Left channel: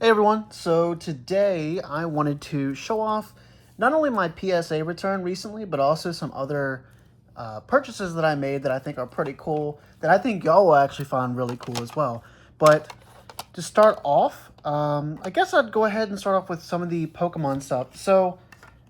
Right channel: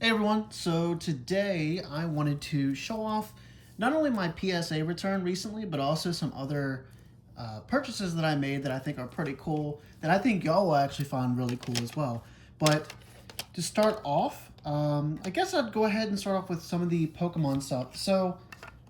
Hey everyone, so today I wanted to show off not only my PSA return recently, but also some other purchases that I made that I think are pretty cool, that I think y'all will actually find really cool as well. But to start off, I guess I'd go ahead and start off with some of the Pokemon stuff. So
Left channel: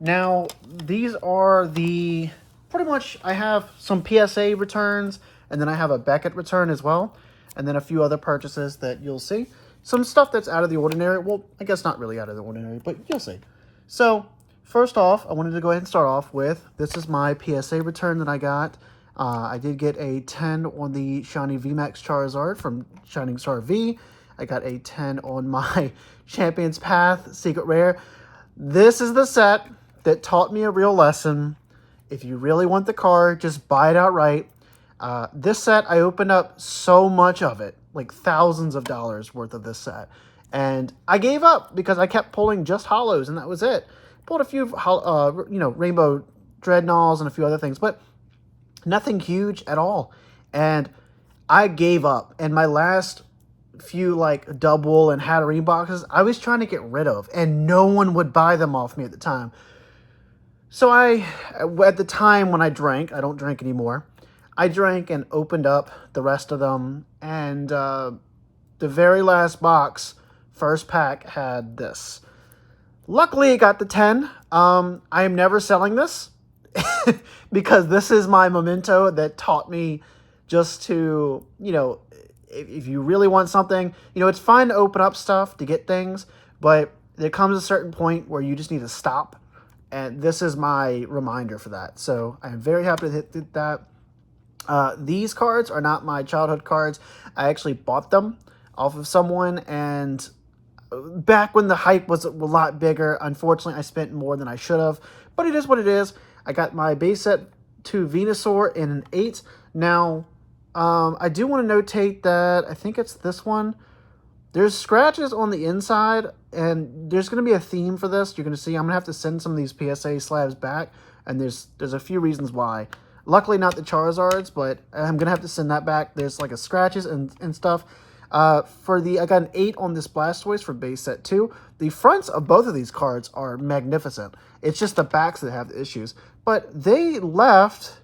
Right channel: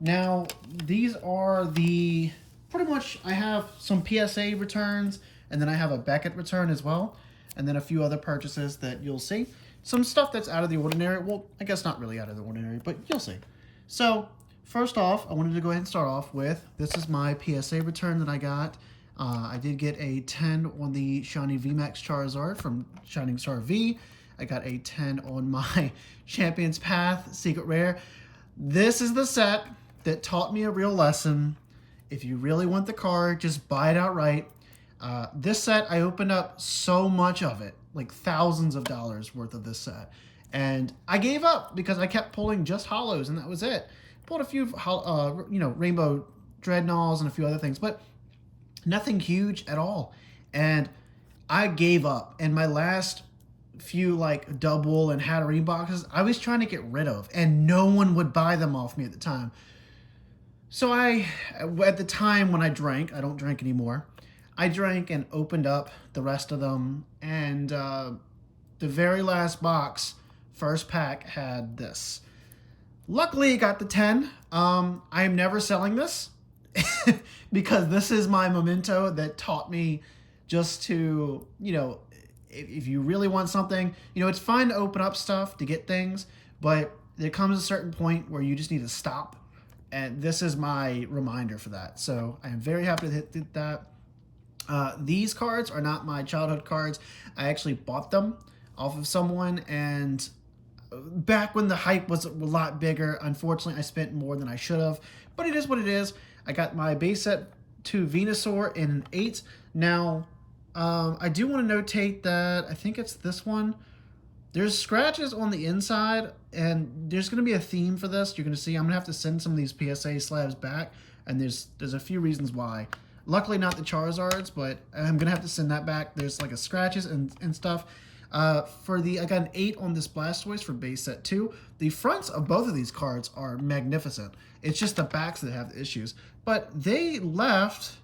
now these are the, pretty much I have some PSA returns, and then I have a Beckett return as well, and then a few other purchases that you'll see. Some stuff that's out of the ordinary. Well, I guess not really out of the ordinary, but you'll see. So, first off, I wanted to go ahead and start off with, this is my PSA return that I got. I did get a 10 on the Shiny VMAX Charizard from Shining Star V. I got a 10 on my Champion's Path Secret Rare. This is the set that taught me a real lesson. If you really want the card, just buy it outright. This set, I opened up so much of it, like thousands of dollars worth of this set. And I gave up because I kept pulling just hollows, and that was it. Pulled a few, Rainbow Dreadnoughts and a few other things, but nothing huge at all. And I gave up. And my last few, like, double and Hatterene boxes, I was trying to get rid of, and no one would buy them off me at the time. So at the time when I drank, I don't drink anymore, I drank and opened up the rest of them, and the very last box, first pack, had this. Luckily, it got the 10. I am never selling this because this is my memento that taught me just to, if you really want something, it's fine to open up stuff to get things, but there comes a certain point where you just need to stop. And this is my reminder for that. So I am very happy to hit that. These cards are not my childhood cards. I actually bought them off of someone, and back when the hype was a lot bigger, unfortunately, I spent more than I should have. But it is what it is. I got my base set to Venusaur in an 8. Now, I do want to notate that I think it's this one. There's scratches on the inside, and there's going to be a theme for this. You're going to see I'm going to have to send some of these PSA slabs back, and there's a few reasons why. Luckily, not the Charizards, but I'm going to have to send that back. There's like a scratches and stuff. I got an 8 on this Blastoise for base set 2. The fronts of both of these cards are magnificent. It's just the backs that have the issues. But they left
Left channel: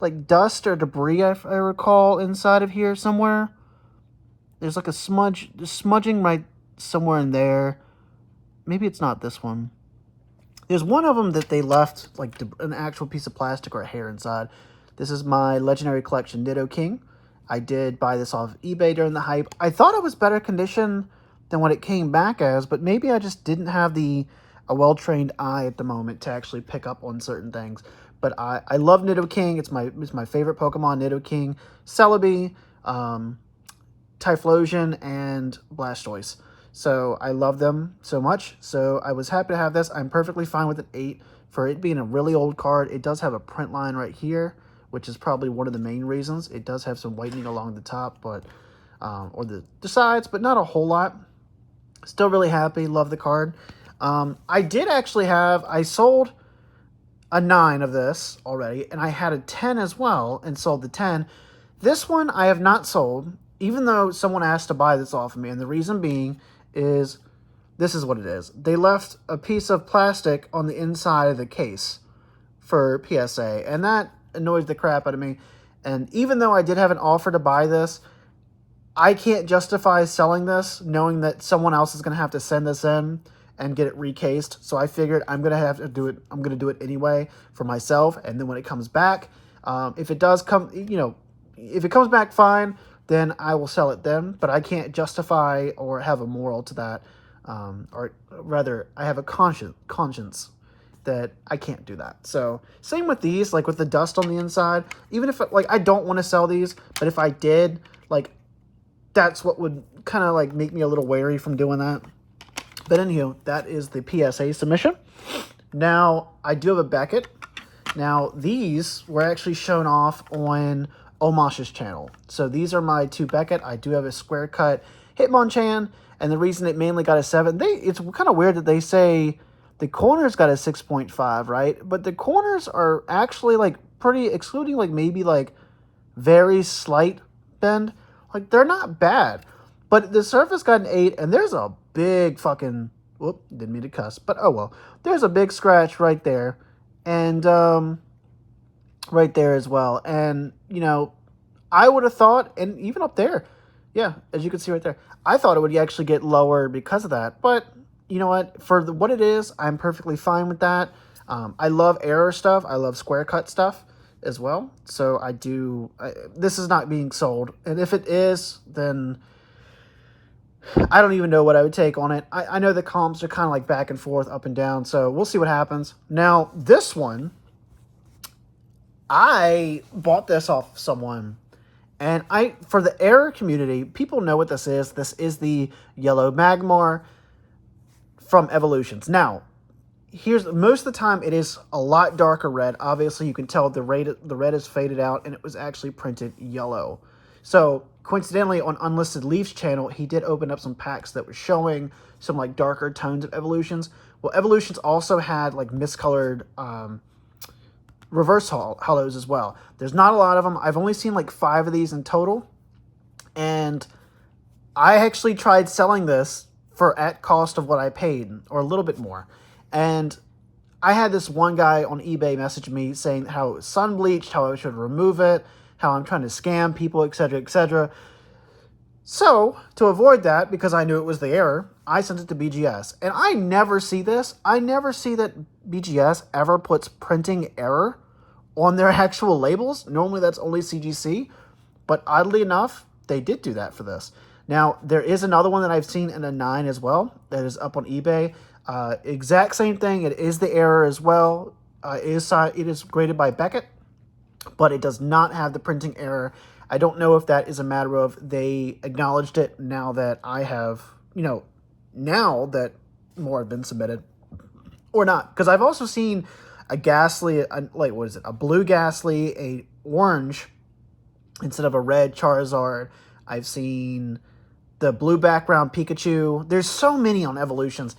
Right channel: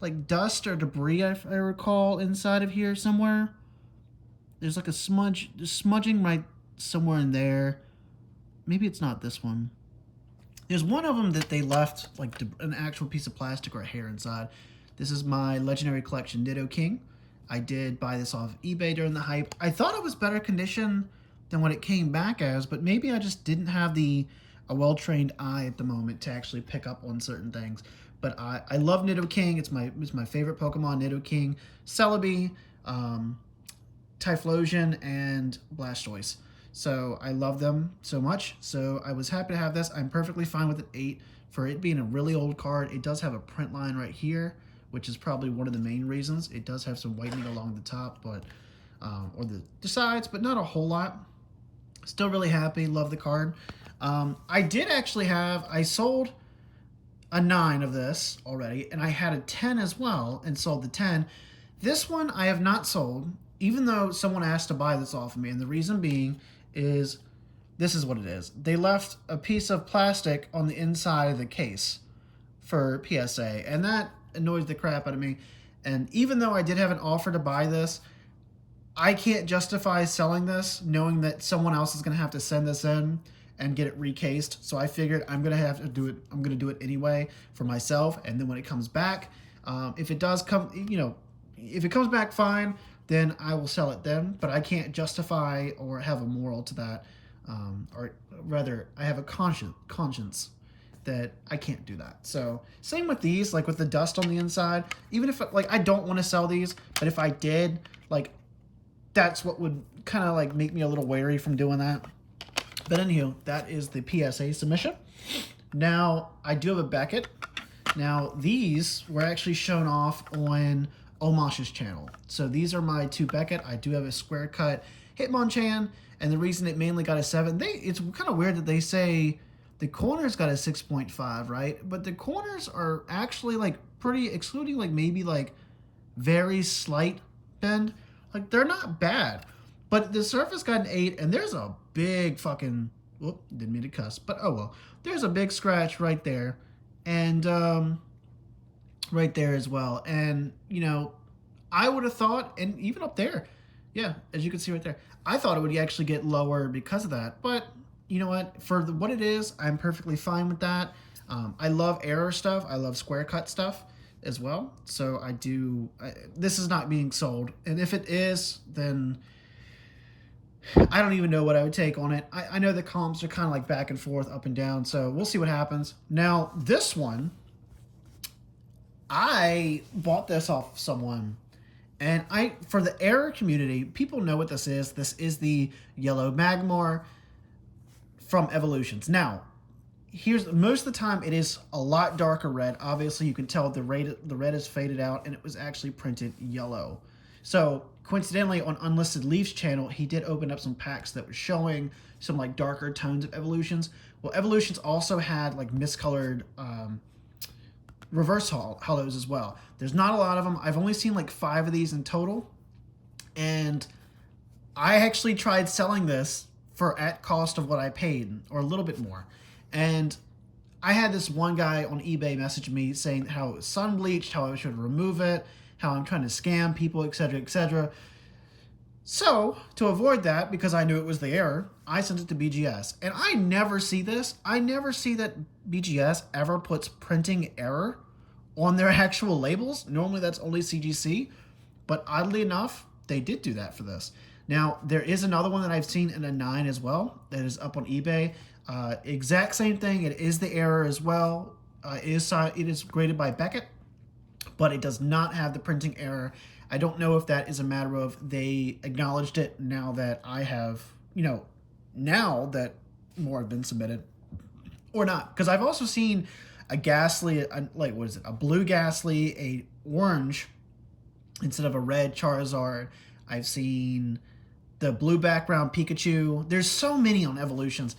like dust or debris, I recall, inside of here somewhere. There's like a smudging right somewhere in there. Maybe it's not this one. There's one of them that they left like an actual piece of plastic or a hair inside. This is my Legendary Collection Nidoking. I did buy this off eBay during the hype. I thought it was better condition than what it came back as, but maybe I just didn't have a well-trained eye at the moment to actually pick up on certain things. But I love Nidoking. It's my favorite Pokemon, Nidoking, Celebi, Typhlosion, and Blastoise. So I love them so much. So I was happy to have this. I'm perfectly fine with an 8 for it being a really old card. It does have a print line right here, which is probably one of the main reasons. It does have some whitening along the top, but or the sides, but not a whole lot. Still really happy. Love the card. I did actually I sold a 9 of this already, and I had a 10 as well and sold the 10. This one I have not sold, even though someone asked to buy this off of me, and the reason being is this is what it is. They left a piece of plastic on the inside of the case for PSA, and that annoys the crap out of me. And even though I did have an offer to buy this, I can't justify selling this knowing that someone else is going to have to send this in and get it recased. So I figured I'm going to have to do it. I'm going to do it anyway for myself. And then when it comes back, if it does come, if it comes back fine, then I will sell it then. But I can't justify or have a moral to that. Or rather, I have a conscience that I can't do that. So same with these, like with the dust on the inside, even if I don't want to sell these, but if I did, that's what would kind of make me a little wary from doing that. But anywho, that is the PSA submission. Now I do have a Beckett. Now these were actually shown off on Omash's channel. So these are my 2 Beckett. I do have a square cut Hitmonchan, and the reason it mainly got a 7, it's kind of weird that they say the corners got a 6.5, right? But the corners are actually pretty, excluding maybe very slight bend. They're not bad. But the surface got an 8, and there's a big fucking, whoop, didn't mean to cuss, but oh well. There's a big scratch right there, and right there as well. And, you know, I would have thought, and even up there, yeah, as you can see right there, I thought it would actually get lower because of that. But you know what? For what it is, I'm perfectly fine with that. I love error stuff. I love square cut stuff as well. So this is not being sold. And if it is, then I don't even know what I would take on it. I know the comps are kind of like back and forth, up and down. So we'll see what happens. Now, this one, I bought this off someone. And for the error community, people know what this is. This is the yellow Magmar from Evolutions. Now, most of the time it is a lot darker red. Obviously, you can tell the red is faded out, and it was actually printed yellow. So, coincidentally, on Unlisted Leaf's channel, he did open up some packs that were showing some like darker tones of Evolutions. Well, Evolutions also had like miscolored reverse hollows as well. There's not a lot of them. I've only seen like 5 of these in total. And I actually tried selling this for at cost of what I paid, or a little bit more. And I had this one guy on eBay message me saying how it was sun bleached, how I should remove it, how I'm trying to scam people, etc., etc. So, to avoid that, because I knew it was the error, I sent it to BGS. And I never see this. I never see that BGS ever puts printing error on their actual labels. Normally that's only CGC. But oddly enough, they did do that for this. Now, there is another one that I've seen in a 9 as well that is up on eBay. Exact same thing. It is the error as well. It is graded by Beckett, but it does not have the printing error. I don't know if that is a matter of they acknowledged it now that I have, now that more have been submitted, or not. Because I've also seen a Ghastly, a blue Ghastly, a orange instead of a red Charizard. I've seen the blue background Pikachu. There's so many on Evolutions.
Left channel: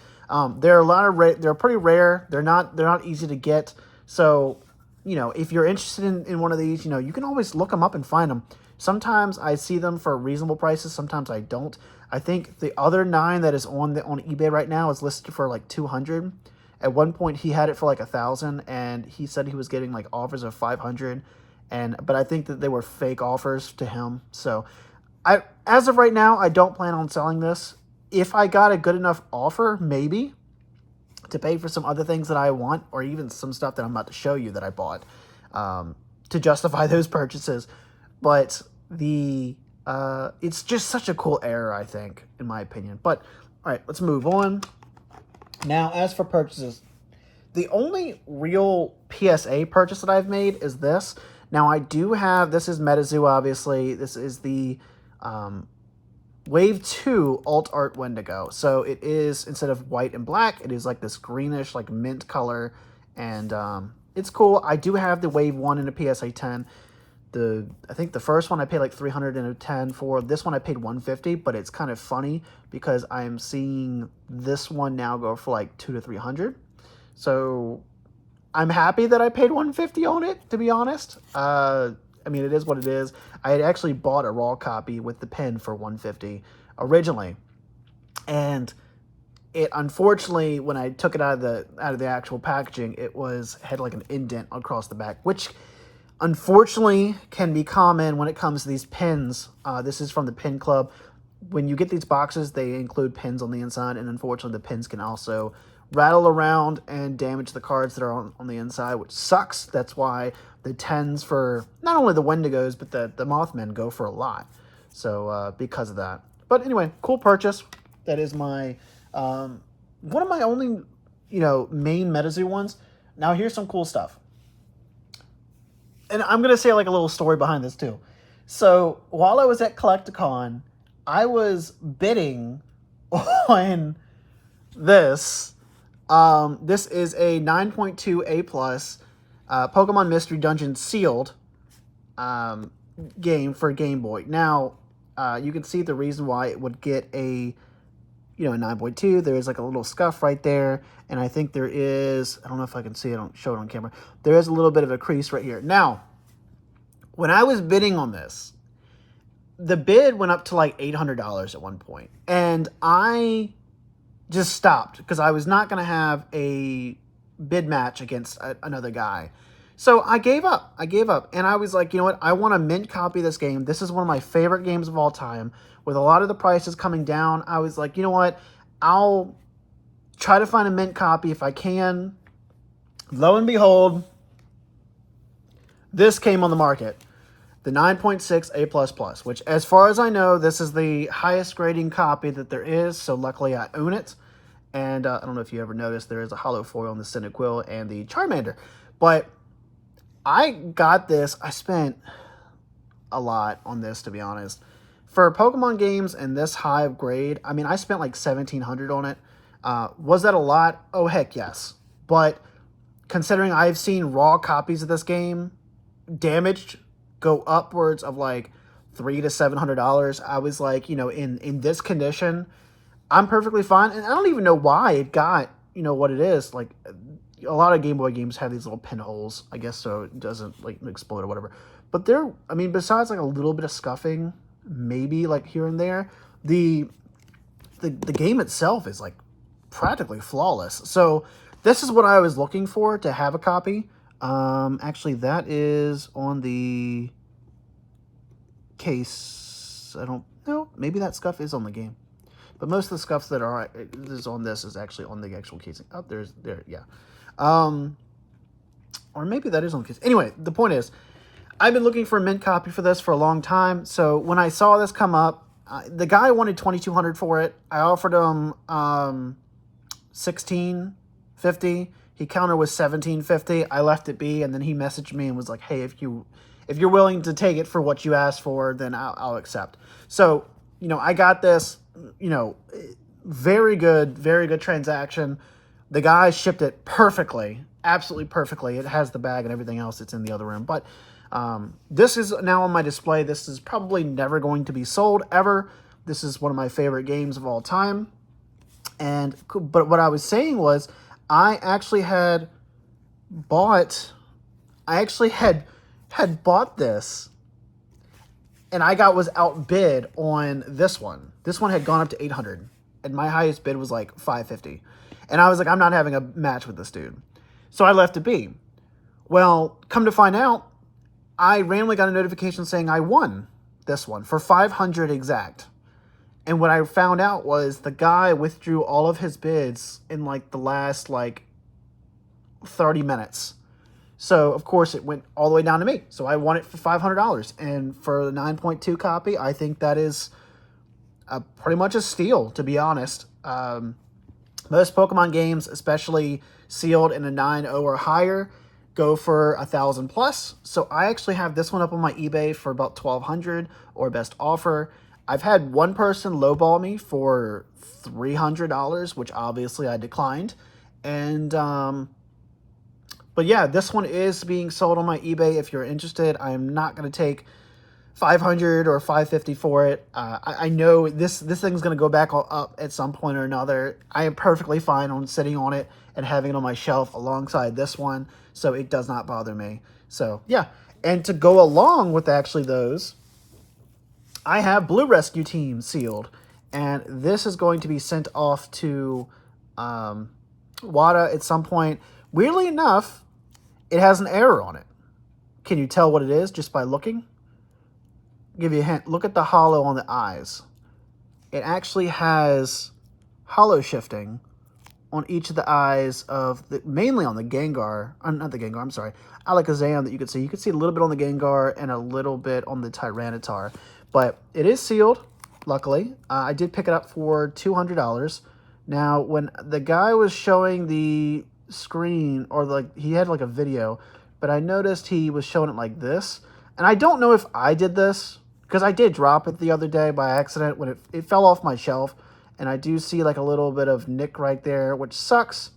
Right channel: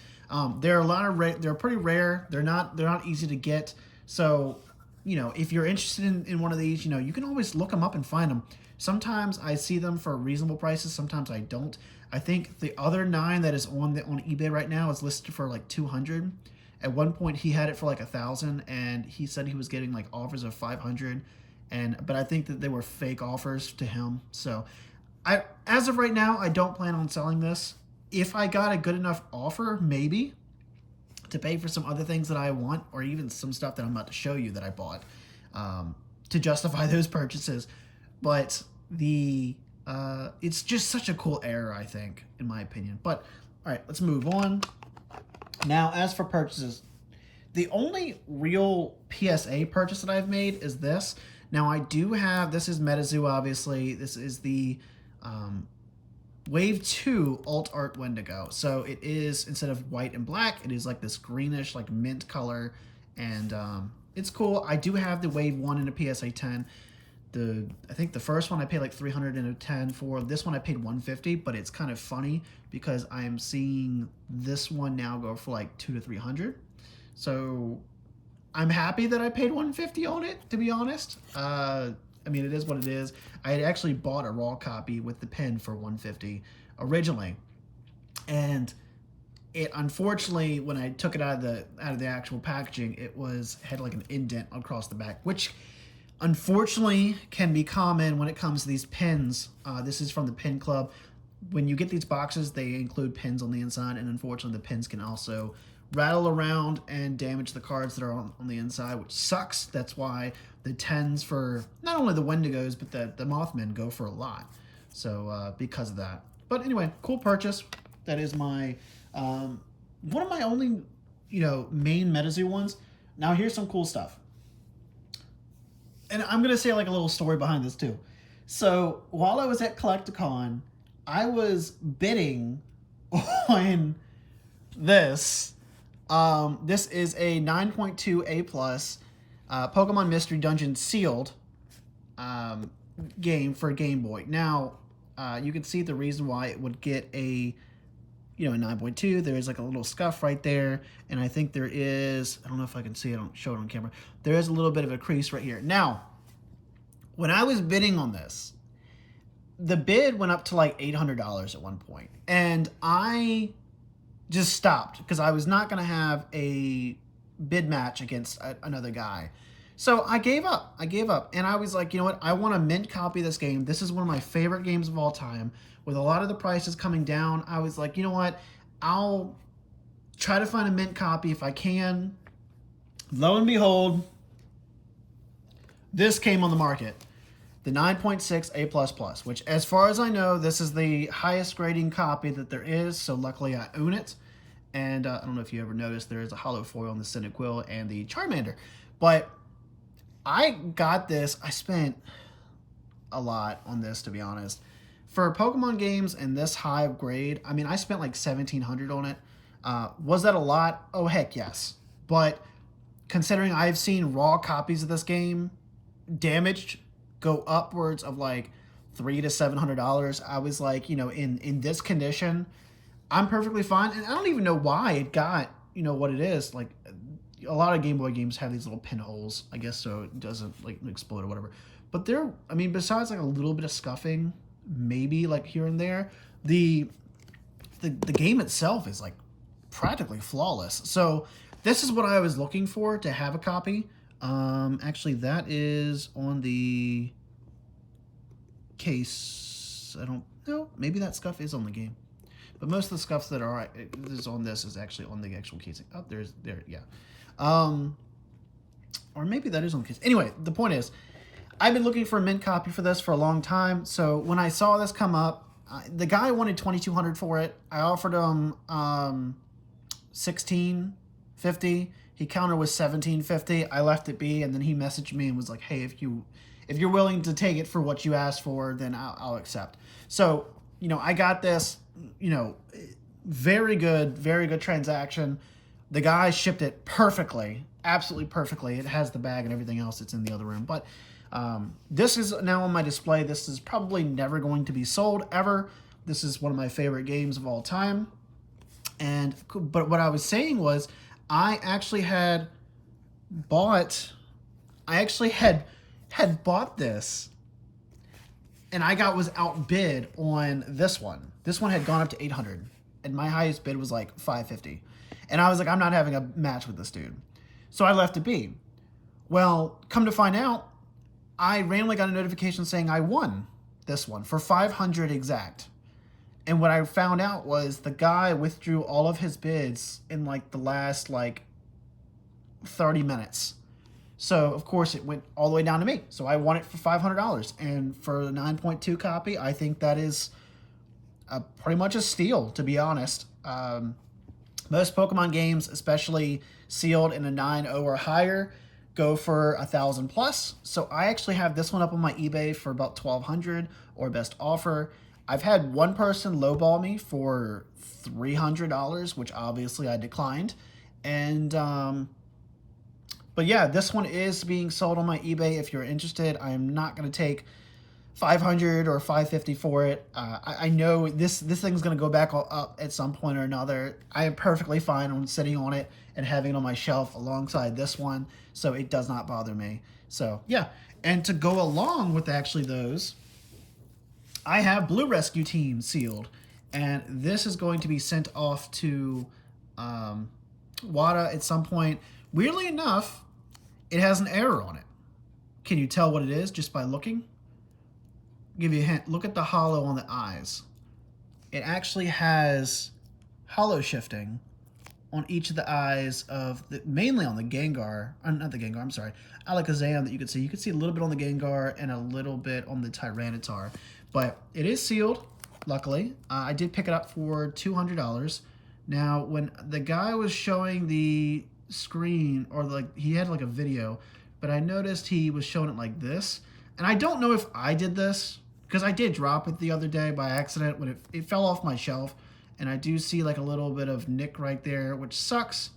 There are a lot of they're pretty rare. They're not easy to get. So, if you're interested in one of these, you can always look them up and find them. Sometimes I see them for reasonable prices. Sometimes I don't. I think the other 9 that is on eBay right now is listed for like 200. At one point he had it for like 1,000, and he said he was getting like offers of 500. But I think that they were fake offers to him. So as of right now, I don't plan on selling this. If I got a good enough offer, maybe, to pay for some other things that I want, or even some stuff that I'm about to show you that I bought, to justify those purchases. But it's just such a cool error, I think, in my opinion. But all right, let's move on. Now, as for purchases, the only real PSA purchase that I've made is this. Now, I do have, this is MetaZoo, obviously. This is the Wave 2 Alt Art Wendigo. So it is, instead of white and black, it is like this greenish, like mint color. And it's cool. I do have the Wave 1 in a PSA 10. I think the first one I paid like $310 for. This one I paid $150, but it's kind of funny because I'm seeing this one now go for like $200 to $300. So I'm happy that I paid $150 on it, to be honest. I mean, it is what it is. I had actually bought a raw copy with the pen for $150 originally, and it, unfortunately, when I took it out of the actual packaging, had like an indent across the back, which unfortunately can be common when it comes to these pins. This is from the Pin Club. When you get these boxes, they include pins on the inside, and unfortunately the pins can also rattle around and damage the cards that are on the inside, which sucks. That's why the 10s for not only the Wendigos, but the Mothmen go for a lot. So because of that. But anyway, cool purchase. That is my one of my only main MetaZoo ones. Now here's some cool stuff. And I'm going to say like a little story behind this too. So while I was at Collecticon, I was bidding on this. This is a 9.2 A+, Pokemon Mystery Dungeon sealed game for Game Boy. Now, you can see the reason why it would get a 9.2. There is like a little scuff right there. And I think there is, I don't know if I can see it, I don't show it on camera. There is a little bit of a crease right here. Now, when I was bidding on this, the bid went up to like $800 at one point, and I just stopped because I was not going to have a bid match against another guy. So I gave up. And I was like, you know what? I want a mint copy of this game. This is one of my favorite games of all time. With a lot of the prices coming down, I was like, you know what? I'll try to find a mint copy if I can. Lo and behold, this came on the market. The 9.6 A++, which as far as I know, this is the highest grading copy that there is. So luckily I own it. And I don't know if you ever noticed, there is a hollow foil on the Cyndaquil and the Charmander. But I got this. I spent a lot on this, to be honest. For Pokemon games and this high of grade, I mean, I spent like $1,700 on it. Was that a lot? Oh, heck yes. But considering I've seen raw copies of this game damaged go upwards of like $300 to $700, I was like, you know, in this condition, I'm perfectly fine. And I don't even know why it got, you know, what it is. Like, a lot of Game Boy games have these little pinholes, I guess, so it doesn't like explode or whatever. But they're, I mean, besides like a little bit of scuffing, maybe like here and there, the game itself is like practically flawless. So this is what I was looking for to have a copy. Actually, that is on the case. I don't know. Maybe that scuff is on the game. But most of the scuffs that are is on this is actually on the actual casing. Oh, yeah. Or maybe that is on the case. Anyway, the point is, I've been looking for a mint copy for this for a long time. So when I saw this come up, the guy wanted $2,200 for it. I offered him $1,650. He countered with $1,750. I left it be, and then he messaged me and was like, "Hey, if you're willing to take it for what you asked for, then I'll accept." So, you know, I got this. You know, very good transaction. The guy shipped it perfectly, absolutely perfectly. It has the bag and everything else. It's in the other room. But this is now on my display. This is probably never going to be sold ever. This is one of my favorite games of all time. But what I was saying was, I actually had bought this, and I was outbid on this one. This one had gone up to $800, and my highest bid was like $550. And I was like, I'm not having a match with this dude. So I left it be. Well, come to find out, I randomly got a notification saying I won this one for $500 exact. And what I found out was the guy withdrew all of his bids in like the last like 30 minutes. So, of course, it went all the way down to me. So I won it for $500. And for the 9.2 copy, I think that is pretty much a steal, to be honest. Most Pokemon games, especially sealed in a 9.0 or higher, go for $1,000 plus. So I actually have this one up on my eBay for about $1,200 or best offer. I've had one person lowball me for $300, which obviously I declined. And but yeah, this one is being sold on my eBay. If you're interested, I am not going to take $500 or $550 for it. I know this thing's going to go back up at some point or another. I am perfectly fine on sitting on it and having it on my shelf alongside this one, so it does not bother me. So yeah, and to go along with actually those, I have Blue Rescue Team sealed, and this is going to be sent off to WADA at some point. Weirdly enough, it has an error on it. Can you tell what it is just by looking? Give you a hint. Look at the hollow on the eyes. It actually has hollow shifting on each of the eyes of mainly on the Gengar, not the Gengar, I'm sorry, Alakazam that you could see. You could see a little bit on the Gengar and a little bit on the Tyranitar. But it is sealed, luckily. I did pick it up for $200. Now, when the guy was showing the screen, or like he had like a video, but I noticed he was showing it like this. And I don't know if I did this, because I did drop it the other day by accident when it fell off my shelf. And I do see like a little bit of nick right there, which sucks.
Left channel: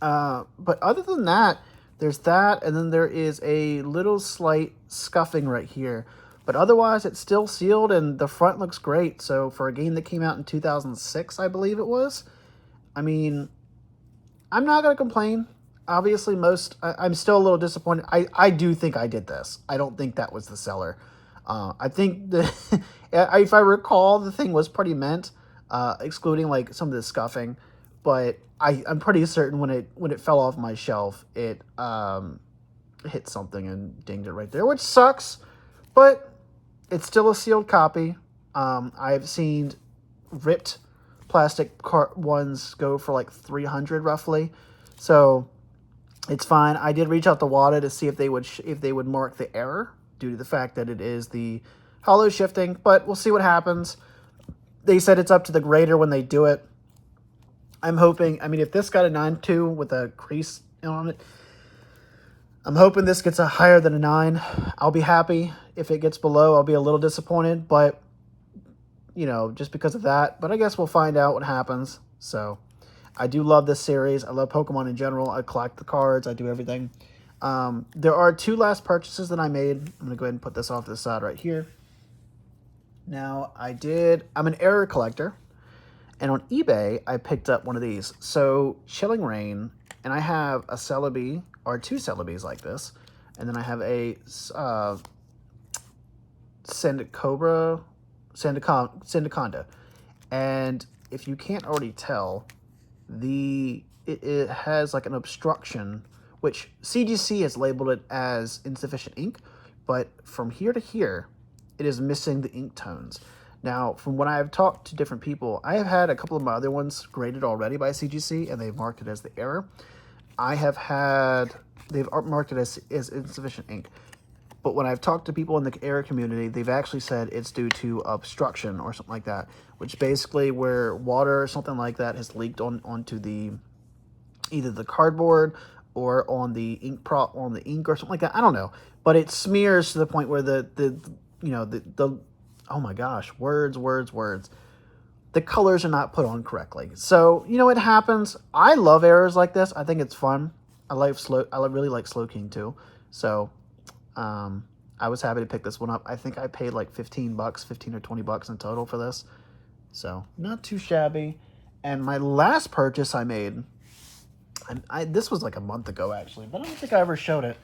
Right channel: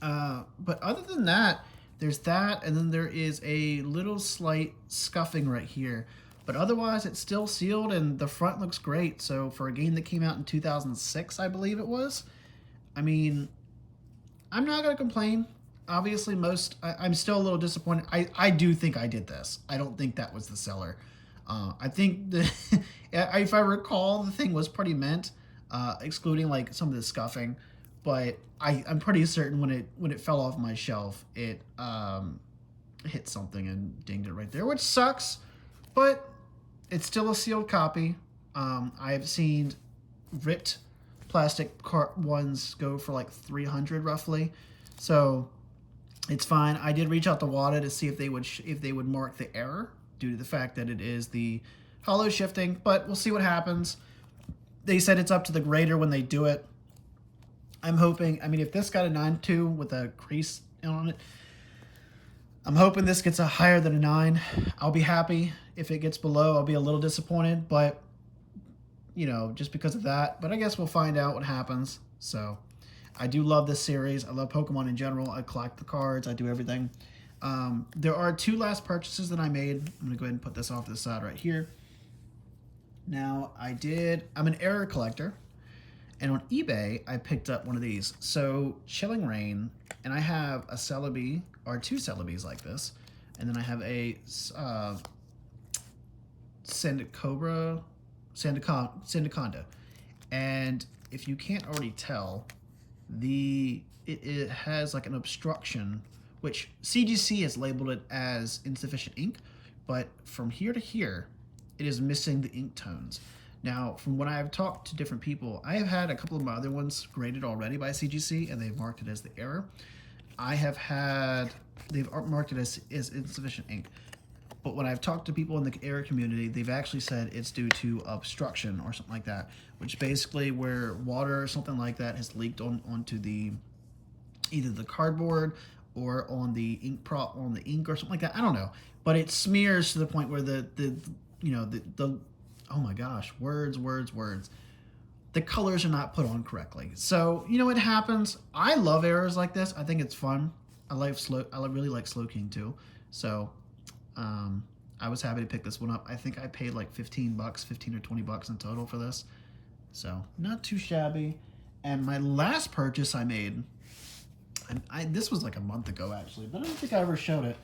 But other than that, there's that. And then there is a little slight scuffing right here. But otherwise, it's still sealed, and the front looks great. So for a game that came out in 2006, I believe it was, I mean, I'm not going to complain. Obviously, I'm still a little disappointed. I do think I did this. I don't think that was the seller. I think if I recall, the thing was pretty mint, excluding like some of the scuffing. But I'm pretty certain when it fell off my shelf, it hit something and dinged it right there, which sucks. But it's still a sealed copy. I've seen ripped plastic ones go for like 300 roughly, so it's fine. I did reach out to WADA to see if they would mark the error due to the fact that it is the hollow shifting, but we'll see what happens. They said it's up to the grader when they do it. I'm hoping, I mean, if this got a 9.2 with a crease on it, I'm hoping this gets a higher than a 9. I'll be happy. If it gets below, I'll be a little disappointed, but, you know, just because of that. But I guess we'll find out what happens. So, I do love this series. I love Pokemon in general. I collect the cards. I do everything. There are 2 last purchases that I made. I'm going to go ahead and put this off to the side right here. Now, I'm an error collector. And on eBay, I picked up one of these. So, Chilling Reign, and I have a Celebi, or 2 Celebis like this. And then I have a Sandaconda. And if you can't already tell, it has like an obstruction, which CGC has labeled it as insufficient ink. But from here to here, it is missing the ink tones. Now, from when I've talked to different people, I have had a couple of my other ones graded already by CGC, and they've marked it as the error. They've marked it as insufficient ink. But when I've talked to people in the error community, they've actually said it's due to obstruction or something like that, which basically where water or something like that has leaked onto either the cardboard or on the ink or something like that. I don't know, but it smears to the point where the oh my gosh, words. The colors are not put on correctly. So, you know, it happens. I love errors like this. I think it's fun. I really like Slowking too. So, I was happy to pick this one up. I think I paid like $15, $15 or $20 in total for this. So, not too shabby. And my last purchase I made, this was like a month ago actually, but I don't think I ever showed it.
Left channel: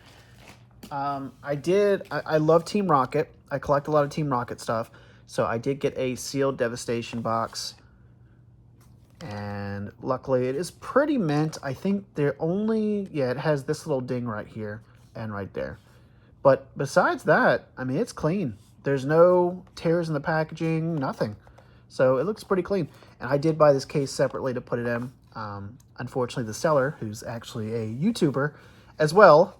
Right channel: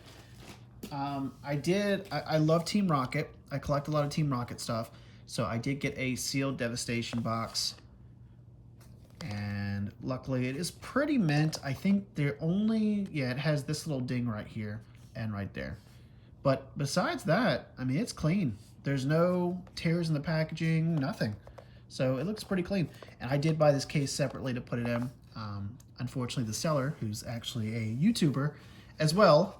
I love Team Rocket. I collect a lot of Team Rocket stuff. So I did get a sealed Devastation box. And luckily it is pretty mint. I think it has this little ding right here and right there. But besides that, I mean, it's clean. There's no tears in the packaging, nothing. So it looks pretty clean. And I did buy this case separately to put it in. Unfortunately, the seller, who's actually a YouTuber as well,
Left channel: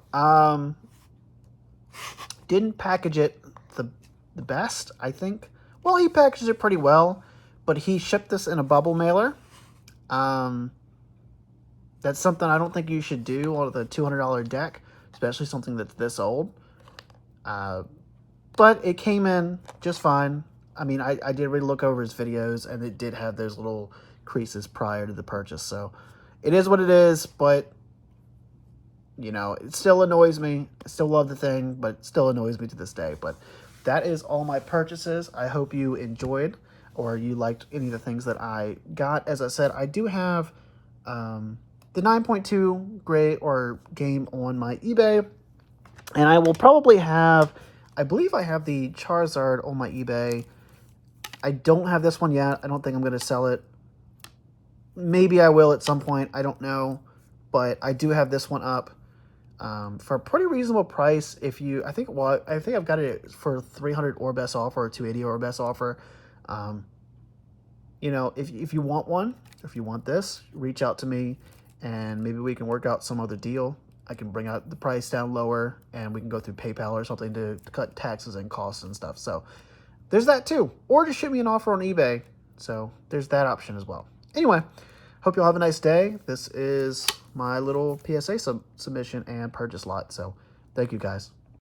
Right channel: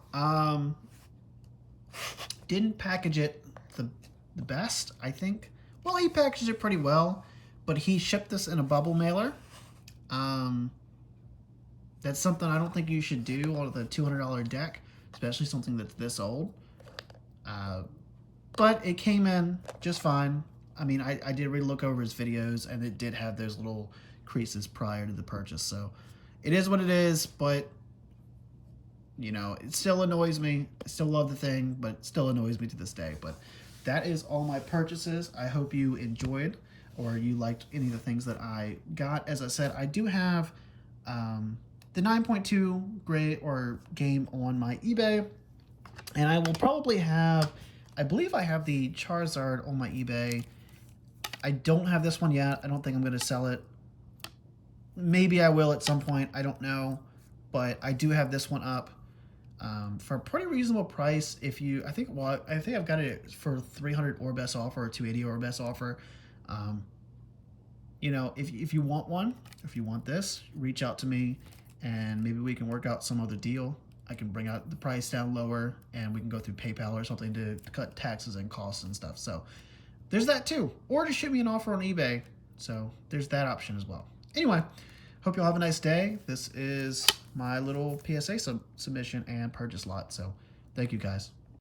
didn't package it the best, I think. Well, he packaged it pretty well, but he shipped this in a bubble mailer. That's something I don't think you should do on the $200 deck, especially something that's this old. But it came in just fine. I mean, I did really look over his videos, and it did have those little creases prior to the purchase. So it is what it is, but you know, it still annoys me. I still love the thing, but it still annoys me to this day. But that is all my purchases. I hope you enjoyed or you liked any of the things that I got. As I said, I do have the 9.2 grade or game on my eBay. And I will probably have, I believe I have the Charizard on my eBay. I don't have this one yet. I don't think I'm going to sell it. Maybe I will at some point. I don't know. But I do have this one up. For a pretty reasonable price. I think I've got it for 300 or best offer or 280 or best offer. You know, if you want one, if you want this, reach out to me and maybe we can work out some other deal. I can bring out the price down lower and we can go through PayPal or something to cut taxes and costs and stuff. So there's that too. Or just ship me an offer on eBay. So there's that option as well. Anyway, hope you all have a nice day. This is my little PSA submission and purchase lot. So thank you guys.